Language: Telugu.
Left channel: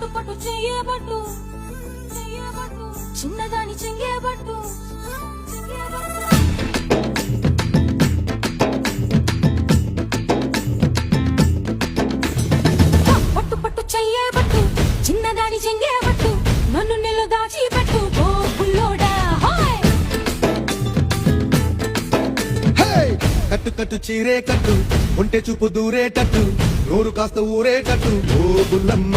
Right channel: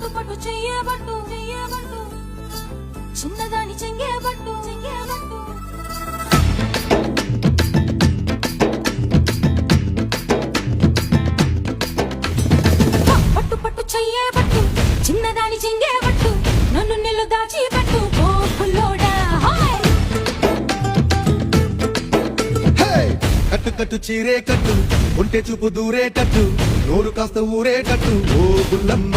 పట్టు పట్టు చెయ్యబట్టు చిన్నదాని చెంగేబట్టు పట్టు పట్టు చెయ్యబట్టు చిన్నదాని చెంగేబట్టు నన్ను నిల్లు దాచి పెట్టు ఓ పుల్లోడా కట్టు కట్టు చీరే కట్టు ఒంటె చూపు దూరేటట్టు నోరు కాస్త ఊరేటట్టు ఓ బుల్లమ్మ